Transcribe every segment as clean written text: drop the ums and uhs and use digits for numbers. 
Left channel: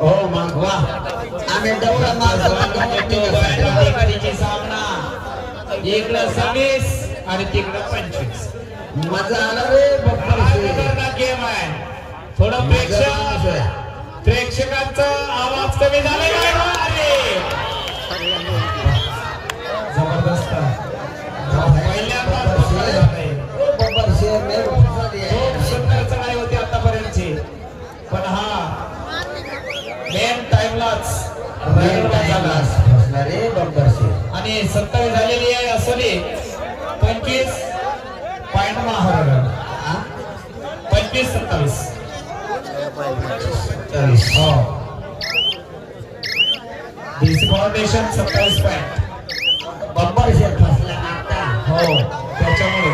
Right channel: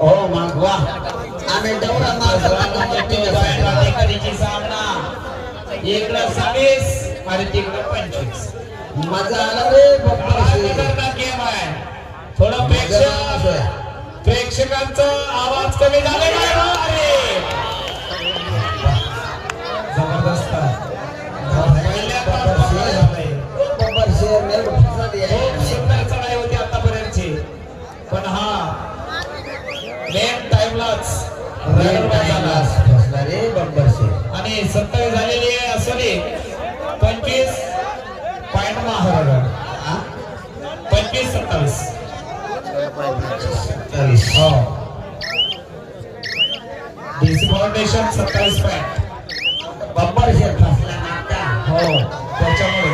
हो मग वा आम्ही डवरा सामना इकडं 26 आणि तिकडं 25 मजा आला रे गेम आहे. थोडं प्रेक्षकांचा आवाज कमी झालेला आहे. जबरदस्त सुंदर चढाई होती आतापर्यंतची पण हा मेन टाइमलाच आणि 27 झालेली आहे असली 25 point 25-27 DC foundation 27 point bumper share फसला आता हो त्याच्यामुळे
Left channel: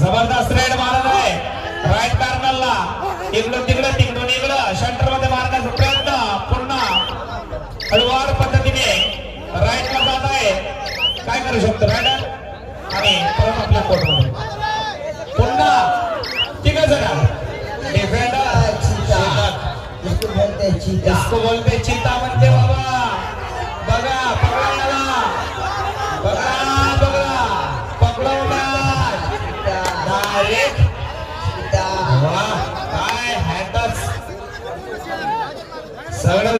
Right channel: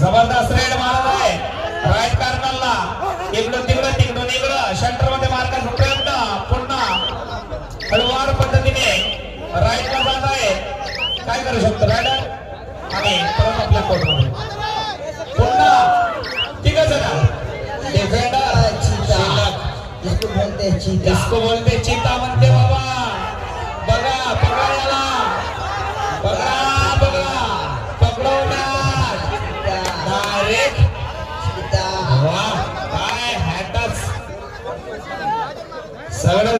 जबरदस्त रेड मारला आहे राईट कॉर्नरला इकडं तिकडं सेंटर मध्ये मारण्याचा प्रयत्न पुन्हा हलवार पद्धतीने राईटला जात आहे. काय करू शकतो रायडर आणि परत आपल्या कोर्टमध्ये पुन्हा तिघ जण डिफेंडर इसको बोलते चीता म्हणते बाबा. बघा पकडवला डायरेक्ट काय हॅटच सगळं